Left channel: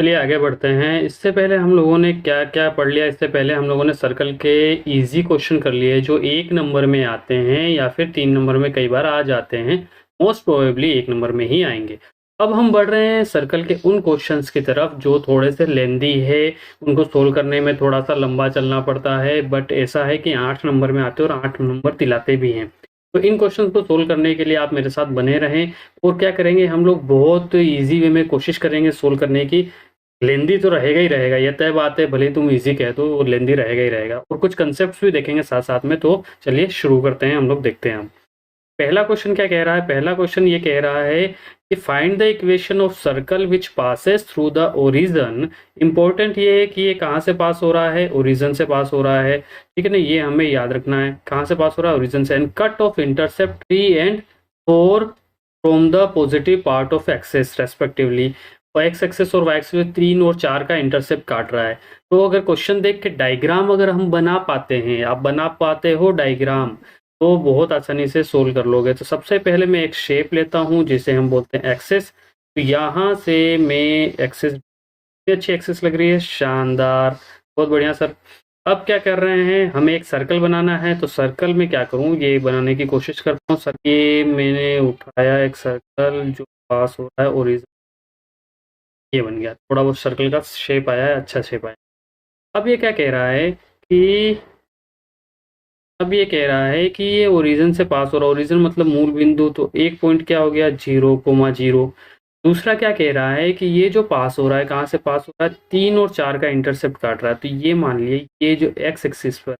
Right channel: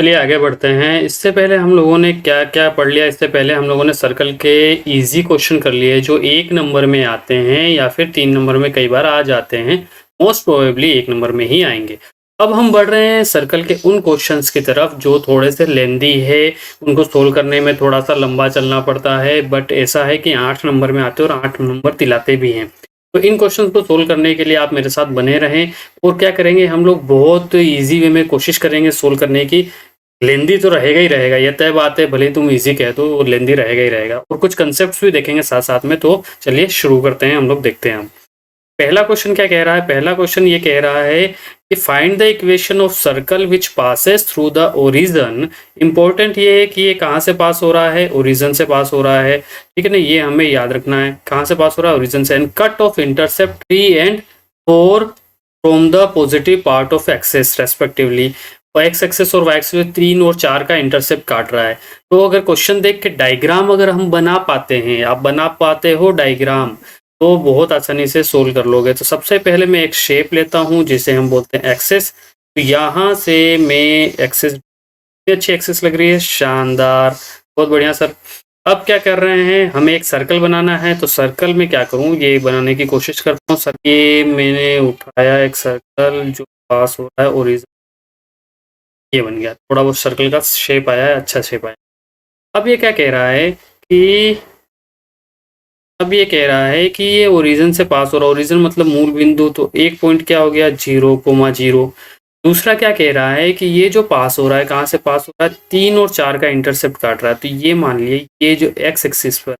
चलिए आगे बढ़ते हैं। इससे पहले हम लोगों ने क्या क्या पढ़ लिया। इससे पहले हम लोगों ने सर्कल के इजी क्वेश्चन कर लिए जो 1 नंबर में आते हैं या फिर 3 नंबर में कई बार आ जाते हैं। मोस्ट प्रोबेबली 1 नंबर में ही आएंगे। अब हम बढ़ रहे हैं सर्कल के उन क्वेश्चंस की तरफ जो थोड़े से लेंदी है, उनको सोल्व करने में थोड़ा सा लंबा चलना पड़ता है, बट ऐसा है कि 8 नंबर में आते हैं और 8 नंबर दिलाते भी हैं। तो इन क्वेश्चन को सोल्व करने के लिए आप मेरे साथ बने रहें। और क्या करेंगे हम लोग, बहुत ईजी वे में कोशिश करेंगे सोल्व करने की। लेंदी तो रहेगा ही रहेगा, ये तय बात है, भले तुम इजी कह दो वो लेंदी रहेगा ही रहेगा। और कुछ कंसेप्ट्स भी देखेंगे साथ साथ में। तो चलिए शुरू करते हैं, हम लोग देखते हैं। पहला क्वेश्चन क्या कह रहा है? पहला क्वेश्चन ये कह रहा है कि find the equation of circle which passes through the origin. Important ये है कि ये कहाँ से पास हो रहा है? ओरिजन से पास हो रहा है, ठीक है ना। ये हमें याद रखना है, कहाँ से पास हो रहा है? ओरिजन से। And cut off intercept 3 and 4 from the positive part of axis respectively. और एक्स एक्सेस और वाई एक्सेस 3 और 4 का इंटरसेप्ट काट रहा है। तो अगर क्वेश्चन देख के डायग्राम अगर हम बना पाते हैं, आप बना पाते हो डायग्राम, तो बहुत आसानी से सोल्व कर लोगे। तो सबसे पहले मैं एक शेप लेता हूं जिसे हम बोलते हैं एक्सेस। तो यहाँ से मैं एक्सेस, अच्छी एक्सेस लग रही है, शानदार, बहुत बढ़िया सर। अब क्या कर रहे हैं, हमें एक सर्कल बनाना है। तो सर्कल में क्या करूं, ये बनाने की कोशिश करता हूँ सर। ये मैंने उठाया एक सर्कल जो पास हो रहा है ओरिजिन, ये बन गया। थोड़ा बहुत सर्कल का शेप आया है, अच्छा शेप आया। अब ये क्या कह रहा है कि अब ये कह रहा है कि ये ओरिजिन से पास हो रहा है। ओरिजिन मतलब मूल बिंदु। तो एक पॉइंट क्या हो गया, 0,0। दूसरा क्या कह रहा है कि ये जो पास हो रहा है, कहाँ से पास हो रहा है? 3 और 4 का इंटरसेप्ट काट रहा है। तो ये मान लिए, ये जो एक्स एक्सिस पर,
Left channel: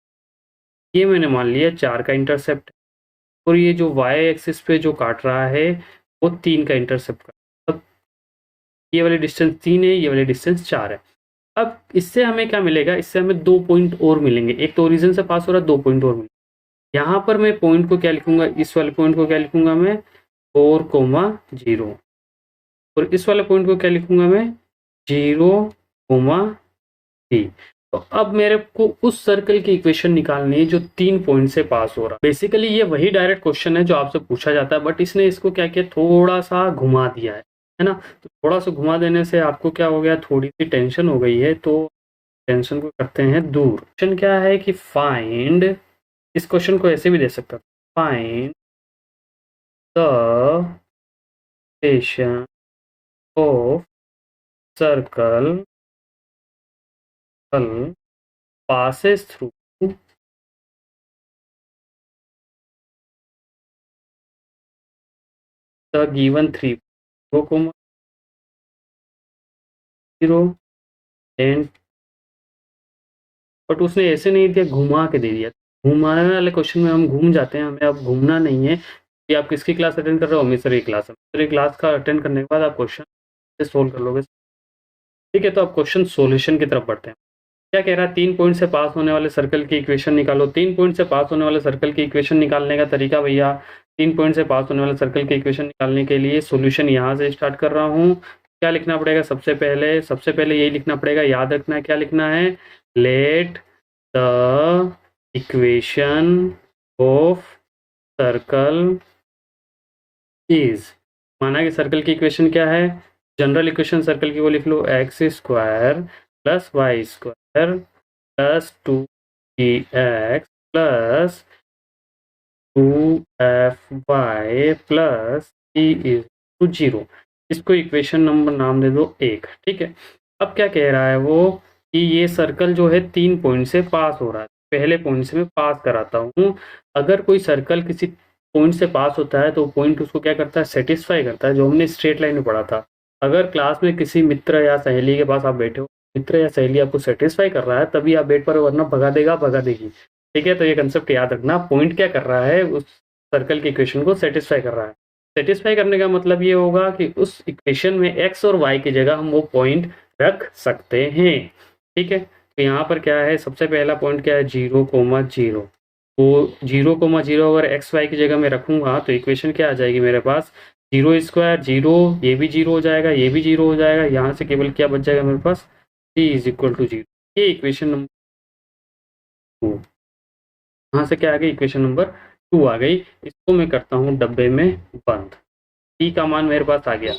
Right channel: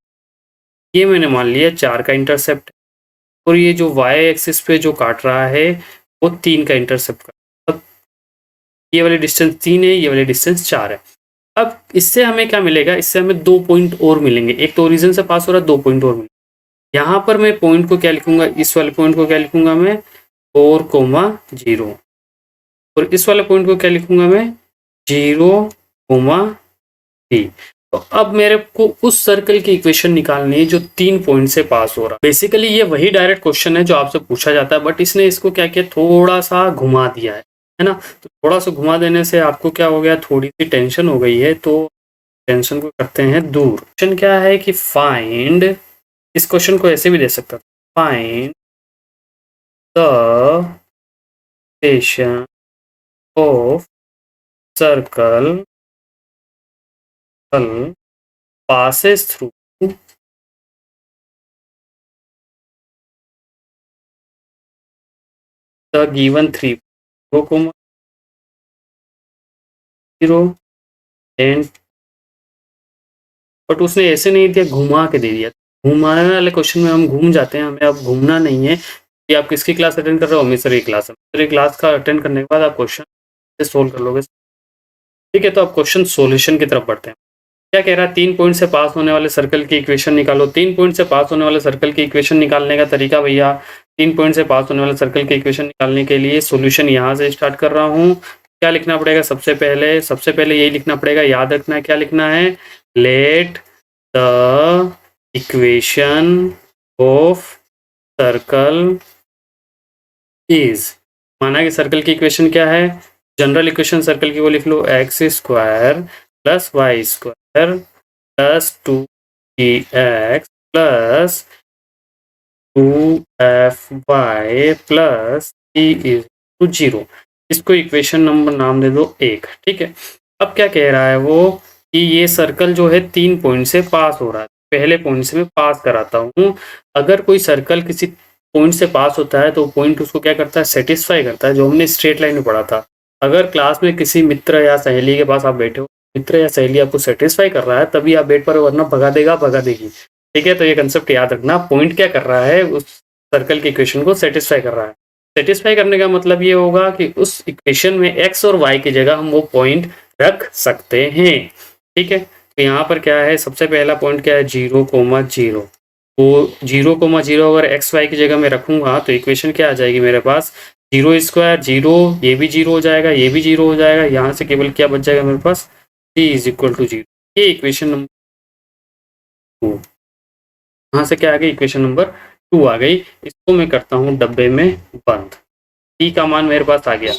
ये मैंने मान लिया 4 का इंटरसेप्ट। और ये जो वाई एक्सिस पे जो काट रहा है वो 3 का इंटरसेप्ट काट। अब ये वाली डिस्टेंस 3 है, ये वाली डिस्टेंस 4 है। अब इससे हमें क्या मिलेगा? इससे हमें 2 पॉइंट और मिलेंगे। एक तो ओरिजिन से पास हो रहा है, 2 पॉइंट और मिलेंगे। यहाँ पर मैं पॉइंट को क्या लिखूंगा, इस वाले पॉइंट को क्या लिखूंगा मैं? 4,0। और इस वाले पॉइंट को क्या लिखूंगा मैं? 0,3। तो अब मेरे को उस सर्कल की इक्वेशन निकालनी है जो 3 पॉइंट से पास हो रहा है। बेसिकली ये वही डायरेक्ट क्वेश्चन है जो आपसे पूछा जाता है, बट इसने इसको क्या किया, थोड़ा सा घुमा दिया है ना। तो थोड़ा सा घुमा देने से आपको क्या हो गया, थोड़ी सी टेंशन हो गई है। तो टेंशन को करते हैं दूर। क्वेश्चन क्या है कि फाइंड, इस क्वेश्चन को ऐसे भी दे सकता था, find the station of circle passes through the given 3, 0,0 and, but उसने ऐसे नहीं दिया, घुमा के दे दिया। घुमाने वाले क्वेश्चन में हम घूम जाते हैं, हमें अब घूमना नहीं है। कि आप किसकी क्लास अटेंड कर रहे हो? मिसर की क्लास है। मिसर क्लास का अटेंड करने के बाद आप क्वेश्चन सोल्व कर लोगे, ठीक है। तो आप क्वेश्चन सोल्यूशन की तरफ बढ़ते हैं। क्या कह रहा है, 3 पॉइंट से पास होने वाले सर्कल की इक्वेशन निकालो। 3 पॉइंट से पास होने वाले सर्कल की इक्वेशन निकालने का तरीका भैया, 3 पॉइंट से पास होने वाले सर्कल की इक्वेशन निकालने के लिए सॉल्यूशन यहाँ से स्टार्ट कर रहा हूँ। क्या लिखना पड़ेगा? सबसे पहले यही लिखना पड़ेगा, याद रखना है क्या लिखना है। Let the equation of circle is, माना कि सर्कल की इक्वेशन क्या है, जनरल इक्वेशन सर्कल की वो लिख लो, x square plus Y square plus 2x plus 2fy plus e=0। इसको इक्वेशन नंबर नाम दे दो 1, ठीक है। अब क्या कह रहा है वो कि ये सर्कल जो है 3 पॉइंट से पास हो रहा है। पहले पॉइंट से मैं पास कराता हूँ। अगर कोई सर्कल किसी पॉइंट से पास होता है तो पॉइंट उसको क्या करता है, सेटिस्फाई करता है, जो हमने स्ट्रेट लाइन में पढ़ा था। अगर क्लास में किसी मित्र या सहेली के पास आप बैठे हो, मित्र या सहेली आपको सेटिस्फाई कर रहा है, तभी आप बेड पर, वरना भगा देगा, भगा देगी, ठीक है। तो ये कंसेप्ट याद रखना। पॉइंट क्या कर रहा है, उस सर्कल की इक्वेशन को सेटिस्फाई कर रहा है। सेटिस्फाई करने का मतलब ये होगा कि उस इक्वेशन में एक्स और वाई की जगह हम वो पॉइंट रख सकते हैं, ठीक है। तो यहाँ पर क्या है, सबसे पहला पॉइंट क्या है, 0,0। तो 0,0 अगर एक्स वाई की जगह में रखूंगा तो इक्वेशन क्या आ जाएगी मेरे पास, 0² 0, ये भी 0 हो जाएगा, ये भी 0 हो जाएगा। यहाँ से केवल क्या बच जाएगा मेरे पास, c=0। ये इक्वेशन नंबर 2। यहाँ से क्या आ गई, इक्वेशन नंबर 2 आ गई। इसको मैं करता हूँ डब्बे में बंद। टी का मान मेरे पास आ गया।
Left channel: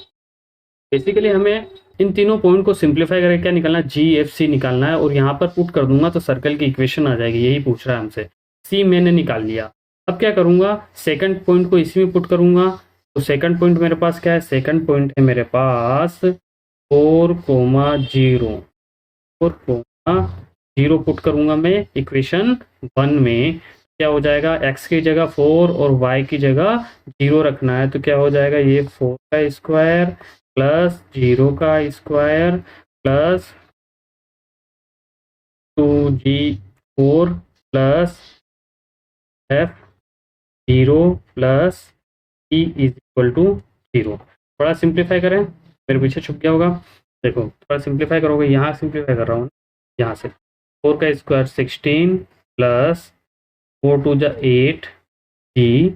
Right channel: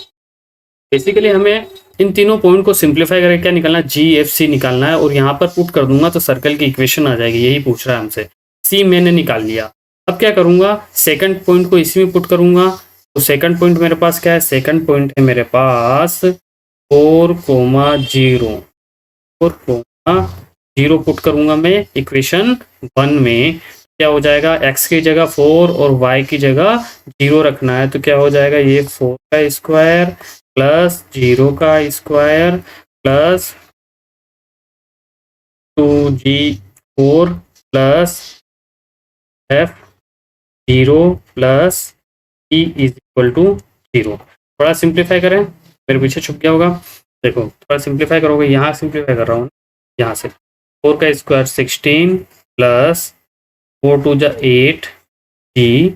बेसिकली हमें इन तीनों पॉइंट को सिंप्लीफाई करके क्या निकालना है, GFC निकालना है, और यहाँ पर पुट कर दूंगा तो सर्कल की इक्वेशन आ जाएगी। यही पूछ रहा है हमसे। C मैंने निकाल लिया। अब क्या करूंगा, सेकंड पॉइंट को इसी में पुट करूंगा। तो सेकंड पॉइंट मेरे पास क्या है, सेकंड पॉइंट है मेरे पास 4,0, 4,0 पुट करूंगा मैं इक्वेशन 1 में। क्या हो जाएगा, x की जगह 4 और y की जगह 0 रखना है, तो क्या हो जाएगा, ये 4 का स्क्वायर प्लस 0 का square plus 2g4 plus f0 plus e is equal to 0। थोड़ा सिंप्लीफाई करें, मेरे पीछे छुप गया होगा। देखो थोड़ा सिंप्लीफाई करोगे, यहाँ सिंप्लीफाई कर रहा हूँ, यहाँ से 4 का स्क्वायर 16 प्लस 4 2 जा 8 g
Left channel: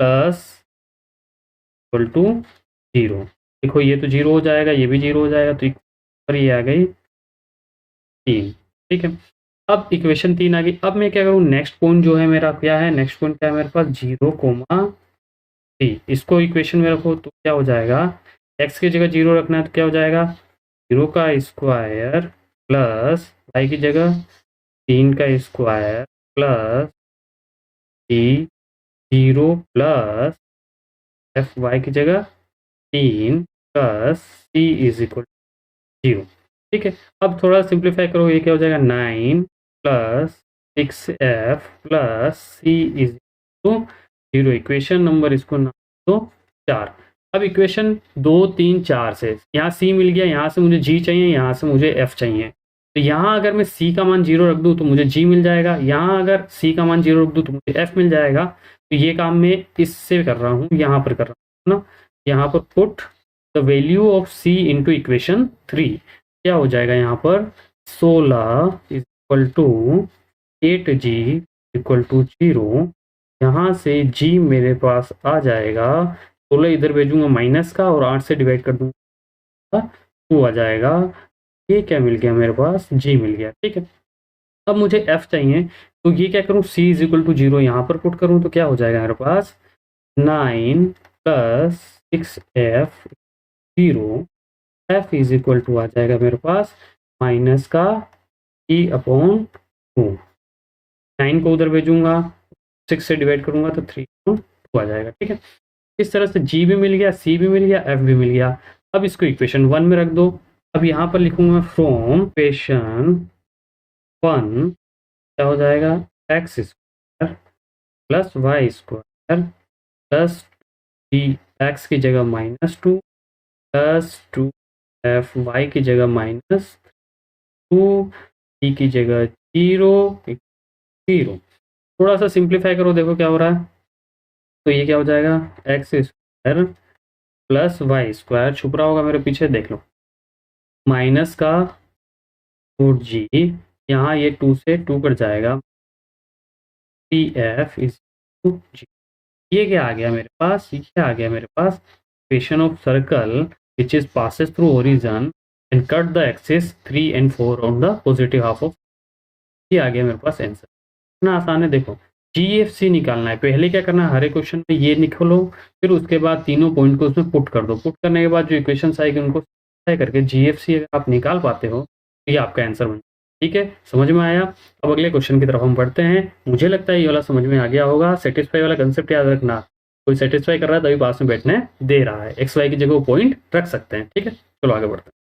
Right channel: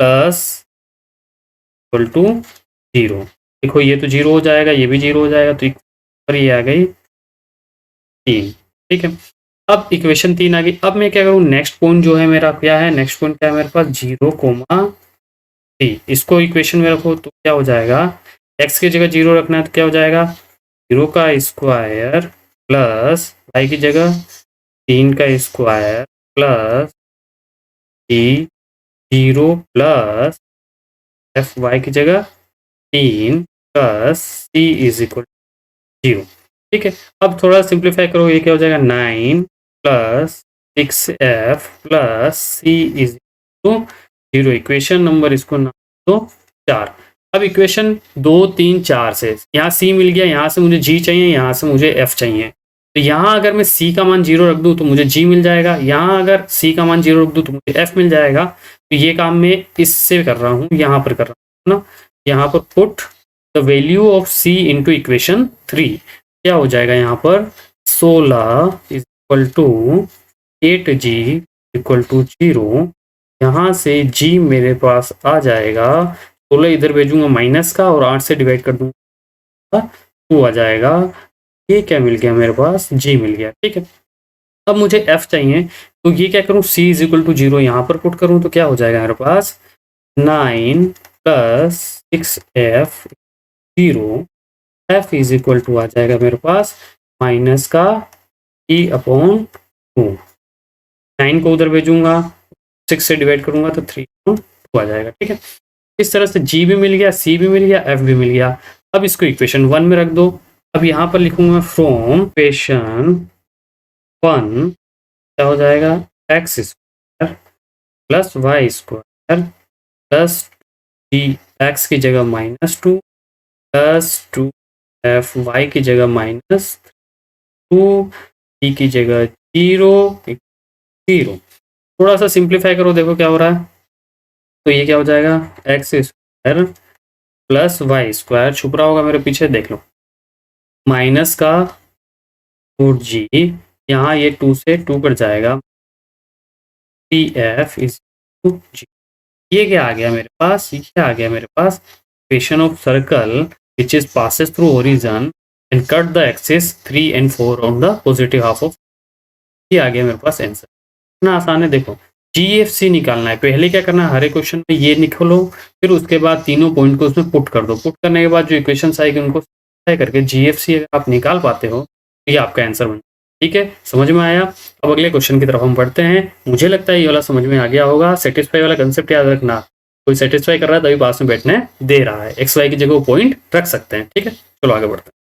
प्लस इक्वल टू 0। देखो ये तो 0 हो जाएगा, ये भी 0 हो जाएगा, तो पर ये आ गई 3। ठीक है, अब इक्वेशन 3 आ गई। अब मैं क्या करूँ, नेक्स्ट पॉइंट जो है मेरा क्या है, नेक्स्ट पॉइंट क्या है मेरे पास 0,3। इसको इक्वेशन में रखो तो क्या हो जाएगा, x की जगह 0 रखना है तो क्या हो जाएगा, 0 का स्क्वायर प्लस y की जगह 3 का square plus 0 plus F Y की जगह 3 प्लस c इज इक्वल 0। ठीक है, अब थोड़ा सिंप्लीफाई करो, ये क्या हो जाएगा 9 plus 6f plus c is equal to 0। Equation number इसको नाम दो 4। अब इक्वेशन 2 3 4 से यहाँ c मिल गया, यहाँ से मुझे g चाहिए, यहाँ से मुझे f चाहिए। तो यहाँ अगर मैं c का मान 0 रख दूँ तो मुझे g मिल जाएगा, यहाँ अगर c का मान 0 रख दूँ तो मुझे f मिल जाएगा। तो ये काम मैं इससे कर रहा हूँ, यहाँ पर कर रहा हूँ ना। यहाँ पर put the value of c into equation 3। क्या हो जाएगा यहाँ पर 16 is equal to 8g equal to 0। यहाँ से g मेरे पास आ जाएगा, 16 इधर भेजूंगा माइनस का और 8 से डिवाइड कर दूंगा 2 आ जाएगा। ये क्या मिल गया मेरे पास, g मिल गया। ठीक है, अब मुझे f चाहिए, तो ये क्या करूँ, c इज इक्वल टू 0 यहाँ पर पुट करूँ तो क्या हो जाएगा मेरे पास 9 plus 6f 0। f is equal to आ जाएगा मेरे पास माइनस का e अपॉन 2। 9 को उधर भेजूंगा, 6 से डिवाइड करूंगा तो 3 अपॉन 2 आ जाएगा। ठीक है, इस तरह से g भी मिल गया, c भी मिल गया, f भी मिल गया। अब इसको इक्वेशन 1 में रख दो। अब यहाँ पर लिखूंगा फ्रॉम इक्वेशन 1 क्या हो जाएगा, X square plus Y square plus D X की जगह -2 प्लस 2f वाई की जगह -2 डी की जगह 0। थोड़ा सा सिंप्लीफाई करो, देखो क्या हो रहा है। तो ये क्या हो जाएगा, X square plus Y square, छुप रहा होगा मेरे पीछे, देख लो, माइनस का 4g, यहाँ ये 2 से 2 कट जाएगा, pf इज g। ये क्या आ गया मेरे पास, ये क्या आ गया मेरे पास, equation of circle which is passes through origin and cut the axis 3 and 4 on the positive half of. ये आ गया मेरे पास आंसर। इतना आसान है। देखो GFC निकालना है, पहले क्या करना है, हर एक क्वेश्चन में ये निकालो, फिर उसके बाद तीनों पॉइंट को उसमें पुट कर दो। पुट करने के बाद जो इक्वेशन आएगी उनको तय करके GFC अगर आप निकाल पाते हो तो ये आपका आंसर बन। ठीक है, समझ में आया। अब अगले क्वेश्चन की तरफ हम बढ़ते हैं। मुझे लगता है ये वाला समझ में आ गया होगा। सेटिस्फाई वाला कंसेप्ट याद रखना, कोई सेटिस्फाई कर रहा है तभी पास में बैठने दे रहा है, एक्स वाई की जगह वो पॉइंट रख सकते हैं। ठीक है, चलो आगे बढ़ते हैं।